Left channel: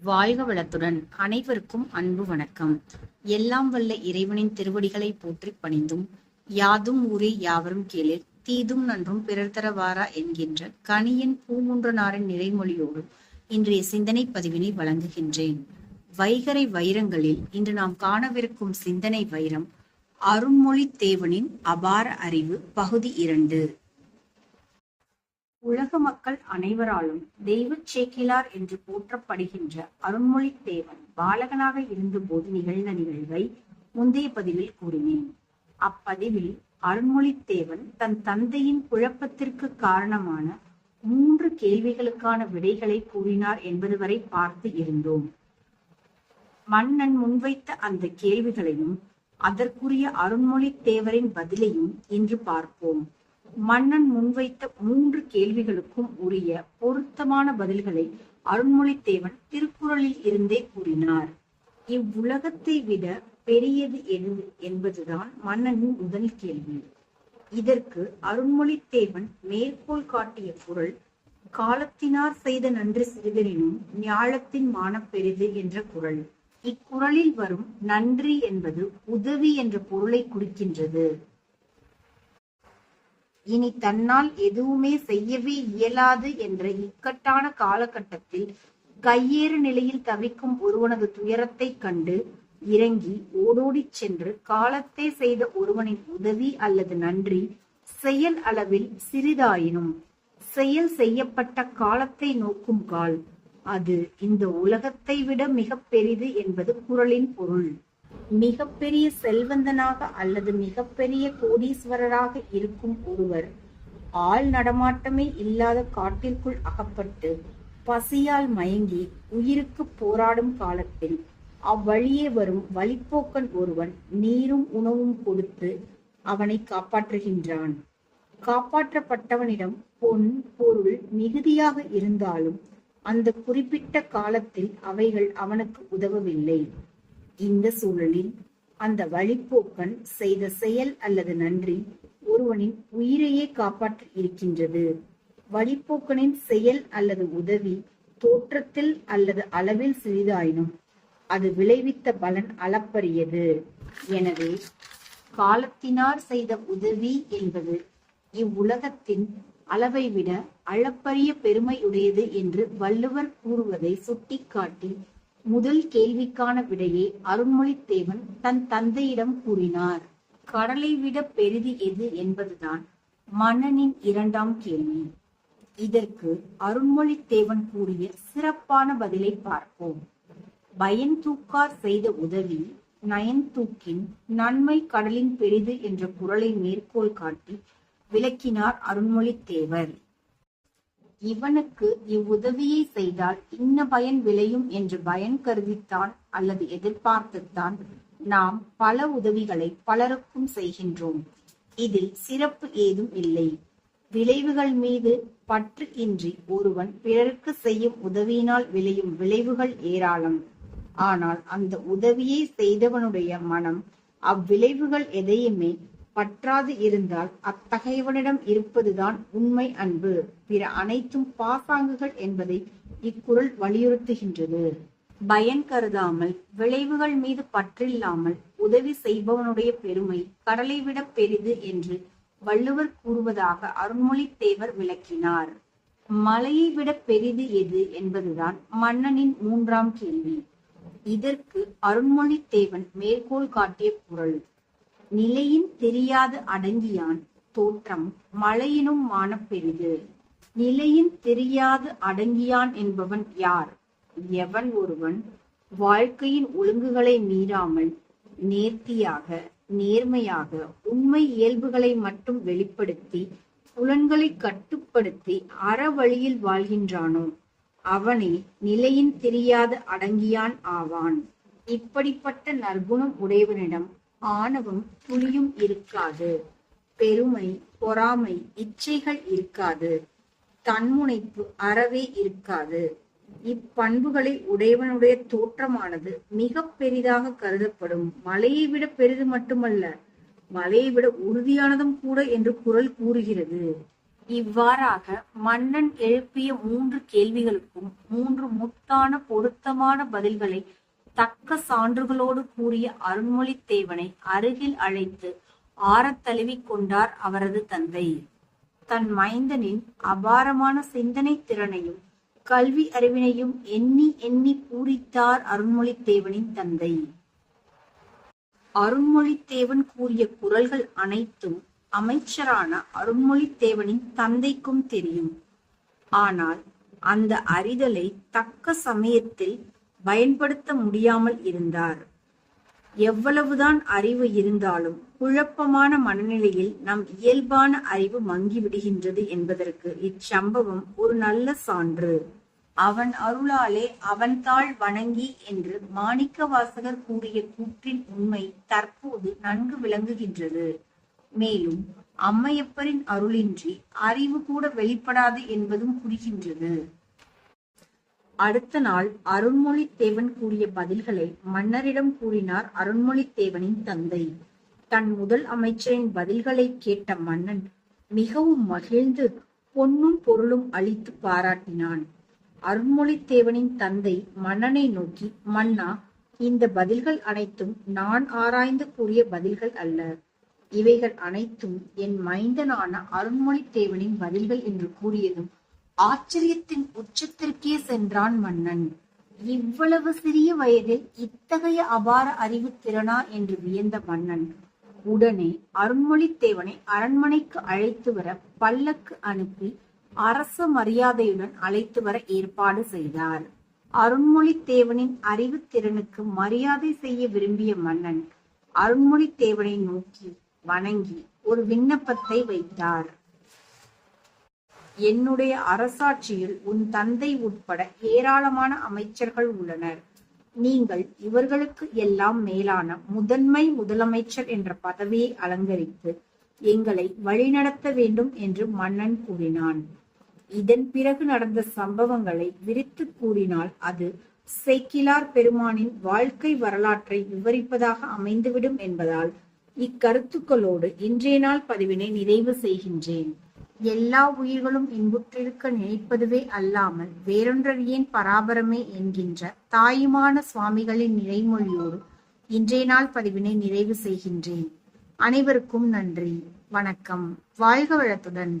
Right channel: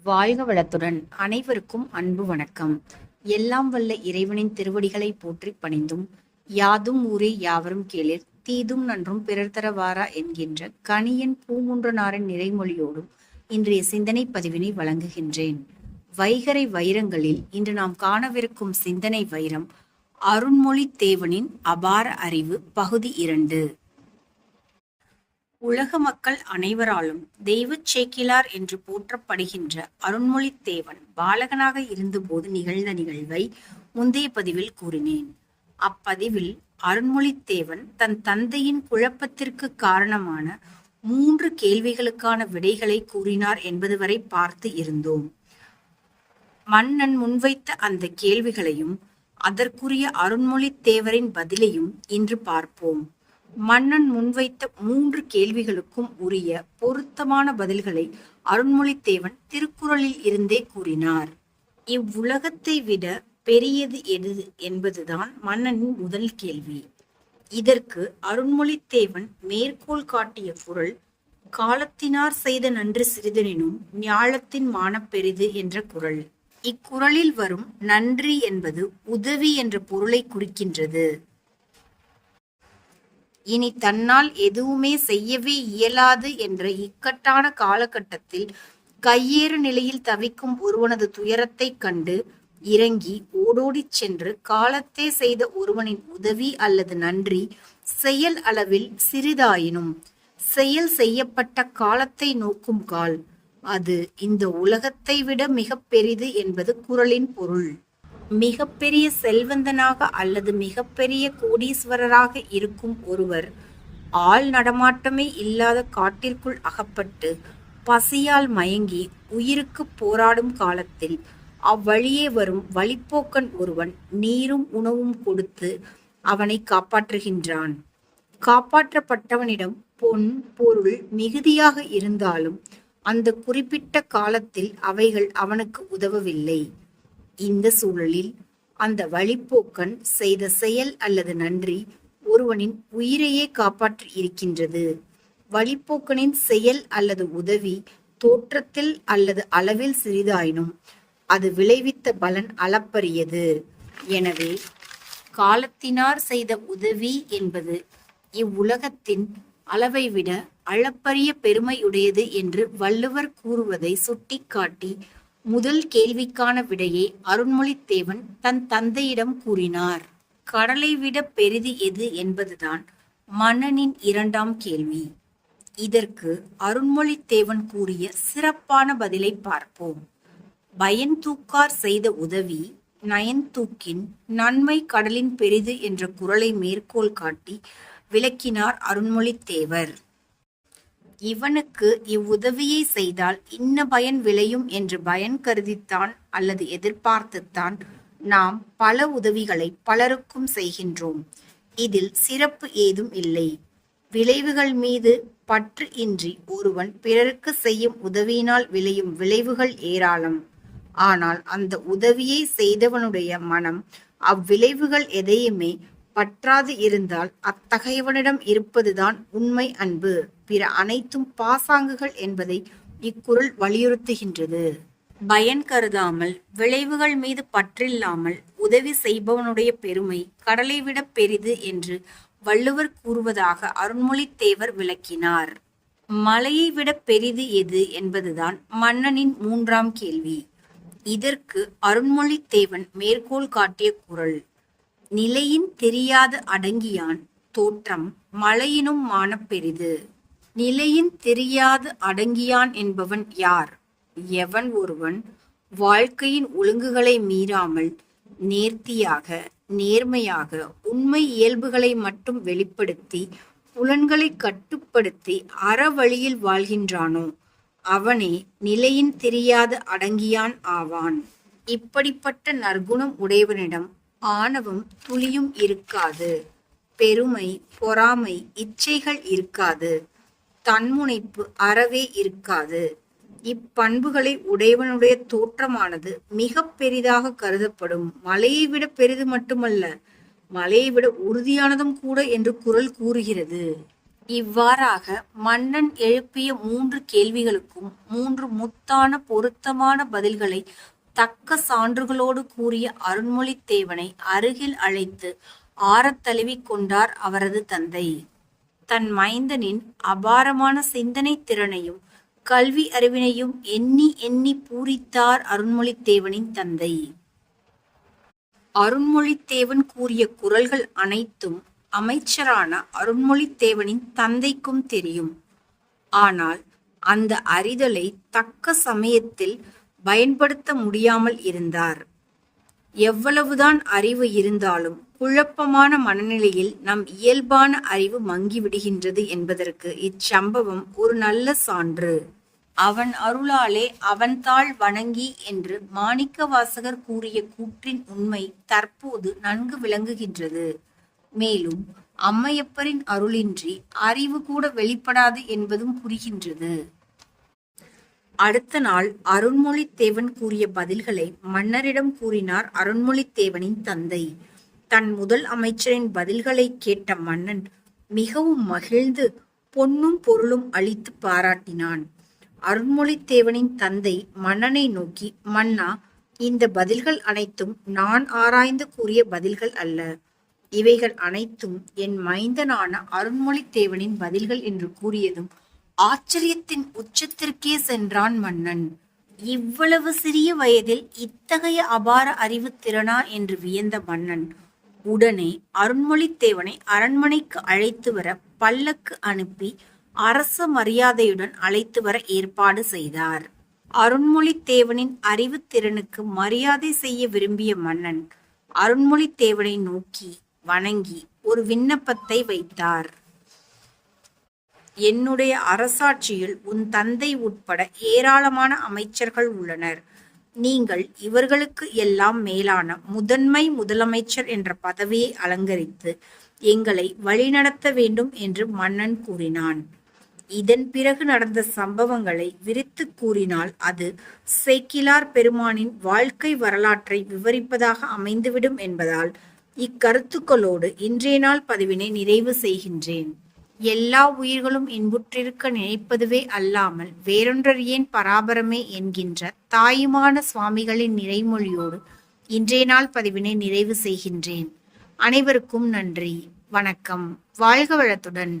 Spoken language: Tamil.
வாழ்க வளத்துடன் அனைவருக்கும் அன்பு வணக்கம். எல்லாம் வல்ல இறைவனின் திருவடிகளை போற்றி பணிந்தும், யாதும் ஊரே யாவரும் கேளிர் தீதும் நன்றும் பிறர் தரவாரா என்கின்ற கணியன் பூங்குன்றனாரின் நிறைமொழியோடும் இன்றைய சிந்தனை பதிவினை வழங்குகின்றேன். வைகறை வைரங்களில் இன்று நாம் காணவிருக்கும் சிந்தனை வைரம் அருண்மொழி தேவனின் அபார அறிவு பகுதி 2. உலக மக்கள் அனைவராலும் தெய்வச் சேக்கிழார் என்று போற்றப்படுகின்ற அருண்மொழித் தேவன் பாலகனாக இருந்தபோது நிகழ்ந்த நிகழ்வை முந்தைய பதிவில் கூறினேன். அப்பதிவில் அருண்மொழித் தேவன் தன் தந்தையின் குழப்பத்திற்கு காரணமான 3 கேள்விகளுக்கான விடைகளை கூறினார் என்பது வரை பார்த்து இருந்தோம். மன்னன் முன்வைத்த அந்த கேள்விகளையும் அதற்குரிய அருண்மொழித் தேவரின் பதிலையும் இன்று பார்ப்போம். மன்னன் முன்வைத்த 3 கேள்விகளுக்கும் உரிய பொருத்தமான பதில்களை அருண்மொழித்தேவன் திருக்குறளில் இருந்தே கூறினார். இவ்வுலகத்தை விட பெரியது எது என்பதுதான் மன்னனின் முதல் கேள்வி. இதற்கு அருண்மொழித்தேவன் மேற்கோள் காட்டிய குறள் காலத்தினார் செய்த நன்று சிறிதெனினும் ஞாலத்தின் மானப் பெரிது என்ற குறள். இக்குறளில் வரும் நன்றி என்பது உதவி என்ற பொருளை குறிக்கின்றது. இனி தன்னால் எதுவுமே செய்யவே இயலாது என்ற இக்கட்டான காலகட்டத்தில் கையேறு நிலையில் தவிக்கும் ஒருவனது துயரத்தைக் கண்டு இறங்கி ஓடோடிச் சென்று காலத்தே செய்த ஒருவனின் உதவி அல்லது நன்றி செயல் அளவில் சிறிதாயினும் செயல் செய்யப்பட்ட காலத்தை நோக்கும் கால் அது இந்த உலகத்தை விட மிக பெரிது என்பது குறளின் பொருள். மிகப்பெரிய செல்வந்தனாக அல்லது மிகப்பெரிய கோடீஸ்வரராக இருக்கும் ஒருவர் ஆள் நடமாட்டமே இல்லாத காட்டிற்குள் அகப்பட்டு பசியால் மயங்கி உயிருக்கு போராடும் காலத்தில் அவ்வழியே வரும் வழிப்போக்கன் ஒருவன் நீரும் உணவும் கொடுத்து அவனை காப்பாற்றுகின்றான். காப்பாற்றப்பட்டவனிடம் பொன் பொருள் மிகுதியாக இருந்தாலும் அந்த குறிப்பிட்ட காலத்தில் அவைகள் அவனுக்கு உதவவில்லை. இந்த சூழலில் அந்த வழிப்போக்கன் செய்த செயல் அல்லது நன்றி ஒருவனின் உயிரையே காப்பாற்றி இருக்கின்றது. வழிப்போக்கனின் செயல் அல்லது உதவி தோற்றத்தில் அல்லது அளவில் சிறிதாயினும் அது விளைவித்த பலன் அளப்பரியது. எனவே காலத்தினார் செய்த உதவி என்பது இவ்வுலகத்தின் அளவை விட அளப்பரிய பெருமையுடையது என்று வள்ளுவர் கூறுவதை சுட்டிக்காட்டி முதல் கேள்விக்கான விடையை அருண்மொழித்தேவன் தன் தந்தையிடம் கூறினார். கடலை விட பெரிது எது என்பதுதான் மன்னனின் 2ஆம் கேள்வி. இதற்கு அருண்மொழித்தேவன் கூறிய சிறப்பான பதிலை பார்ப்போம். பயன்தூக்கார் செய்த உதவி நயன்தூக்கின் நன்மை கடலின் பெரிது என்ற குறளை மேற்கோள் காட்டி விளக்கினார் அருண்மொழித்தேவர். இவனுக்கு இவ்வுதவியை செய்தால் இன்ன பயன் விளையும் என்று பயன் கருதித்தான் அல்லது எதிர்பார்த்துத்தான் நாம் பல உதவிகளை பலருக்கும் செய்கின்றோம். இதில் சிறப்பு ஏதும் இல்லை. விளைவுகள் மீது பற்று இன்றி ஒருவன் பிறருக்கு செய்யும் உதவியினால் விளையும் விளைவுகள் ஏராளம். ஆனால் அந்த உதவியை செய்தவனுடைய மனம் அவ்விளைவுகள் எதையுமே பற்றாது இருந்தால் அத்தகையவனிடம் இருப்பதுதான் உண்மை அன்பு. பிற அனைத்தும் பாசாங்குகள் என்பதை இக்குறள் வலியுறுத்துகின்றது. பயன் கருதாமல் விளைவுகள் மீது பற்றில்லாமல் உதவி செய்பவனுடைய பெருமை கடலை விட பெரிது என்று வள்ளுவர் கூறுவதாக அருண்மொழித்தேவர் விளக்கினார். மலையை விட பெரிது எது என்பதுதான் மன்னனின் 3ஆம் கேள்வி. இதற்கு அருண்மொழித்தேவன் மேற்கோள் காட்டிய குறள் நிலையின் தெரியாது அடங்கியான் தோற்றம் மலையினும் மானப் பெரிது. நிலையின் தெரியாது அடங்கியான் என்பவன் யார்? எவன் ஒருவன் வாழ்க்கையின் ஒழுங்குகளை மீறாமல் நேர்த்தியாக நேர்மையாக உண்மை இயல்புகளை மட்டும் வெளிப்படுத்தி புலன்களை கட்டுப்படுத்தி அறவழியில் வாழ்கின்றானோ அவனே நிலையின் தெரியாது அடங்கியான் ஆவான். இப்படிப்பட்ட நற்குணம் உடையவனிடம் ஆணவம் துளியும் இருக்காது. பெருமை பொறாமை இச்சைகள் இருக்காது. தன்முனைப்பு அறவே இருக்காது. இப்பண்புகளை உடையவனுடைய தோற்றமானது மிக பெரிதாக கருதப்படும். மலையை விட பெரிது மட்டுமல்ல, மலையை விட உறுதியானதும் கூட என்று குறள் கூறுகிறது. இவ்வாறாக மன்னன் எழுப்பிய 3 கேள்விகளுக்கும் 3 முத்தான பொருத்தமான பதில்களை தக்க சான்றுகளோடு கூறிய அருண்மொழித்தேவனை அருகில் அழைத்து ஆறத் தழுவிக் கொண்டார் அவரது தந்தை. தன் மைந்தனின் அபாரமான சிந்தனை திறனையும் கல்வி அறிவினையும் எண்ணி எண்ணி பூரித்தார் அருண்மொழித்தேவனின் தந்தை. அருண்மொழித்தேவன் கூறிய குறள்கள் அனைத்தும் அமைச்சரான அருண்மொழித்தேவனின் தந்தைக்கும் தெரியும். ஆனால் அந்த அறிதலை தக்க சமயத்தில் பயன்படுத்த முடியாமல் இருந்தார். எவ்வளவுதான் அறிவு இருந்தாலும் குழப்பமான மனநிலையில் நம் இயல்பான அறிவு மங்கிவிடுகின்றது என்பதற்கு இச்சம்பவம் ஒரு நல்ல சான்று. அவன் அருளாலே அவன் தாள் வணங்கி என்று மாணிக்கவாசகர் கூறிய கூற்றின் உண்மை தற்போது நன்கு விளங்குகின்றது. மேலும் அம்மையப்பரின் அருளின்றி அறிவு கூட வெளிப்படாது என்பதும் புரிகின்றது. அடுத்த நாள் அருண்மொழித்தேவன் கூறிய பதில்களை மன்னரிடம் கூறினார் அருண்மொழித்தேவனின் தந்தை. தன் முதல் அமைச்சரின் பதில்களை கேட்ட மன்னன் மிகவும் மகிழ்ந்து பொன்னும் பொருளும் அளித்து பாராட்டினான். அருண்மொழித்தேவனின் தந்தை மன்னனை நோக்கி, மன்னா, இந்த பதில்கள் அனைத்தும் நான் ஆராய்ந்து கூறிய பதில்கள் அல்ல. இவைகள் அனைத்தும் என் மைந்தனான அருண்மொழித்தேவனின் பதில்கள் என்று கூறியதும் ஆச்சரியத்தின் உச்சத்திற்கே சென்றான் மன்னன். இவ்வளவு சிறிய வயதில் இத்தகைய அபார அறிவு திறனா என்று வியந்த மன்னன் உடனே அருண்மொழித்தேவனை அரண்மனைக்கு அழைத்து வர பல்லக்கு அனுப்பி அரச மரியாதையுடன் அழைத்து வர ஏற்பாடு செய்தார். அருண்மொழித்தேவனின் அறிவு திறனுக்கு மரியாதை செய்ய விரும்பிய மன்னன் அருண்மொழித்தேவனை நோக்கி வணங்கி ஒரு விண்ணப்பத்தை வைத்தார். என்னுடைய அரசாட்சியில் உன் தந்தை உட்பட ஏராளமான அமைச்சர்கள் உள்ளனர். நீங்கள் இவர்களுக்கு எல்லாம் மேலான முதன்மை முதலமைச்சர் என்ற பதவியை அலங்கரித்து எங்களை வழிநடத்த வேண்டும் என்று மன்னன் கூறினான். இதன் பிறகு நடந்த சம்பவங்களை விரித்து கூறினால் அது சேக்கிழார் பெருமானின் வாழ்க்கை வரலாற்றை விவரிப்பதாக அமைந்துவிடும் என்பதால் இக்கருத்துக்களோடு இன்றைய நாள் பதிவினை நிறைவு செய்கின்றேன். எல்லா உயிர்களும் இன்புற்றிருக்க நினைப்பதுவே அல்லாமல் வேறொன்றறியேன் பராபரமே என்கின்ற தாயுமான சுவாமிகளின் நிறைமொழியோடு இன்றைய நாள் பதிவினை நிறைவு செய்கின்றேன். அனைவருக்கும் நன்றி. வணக்கம். வாழ்க வளத்துடன்.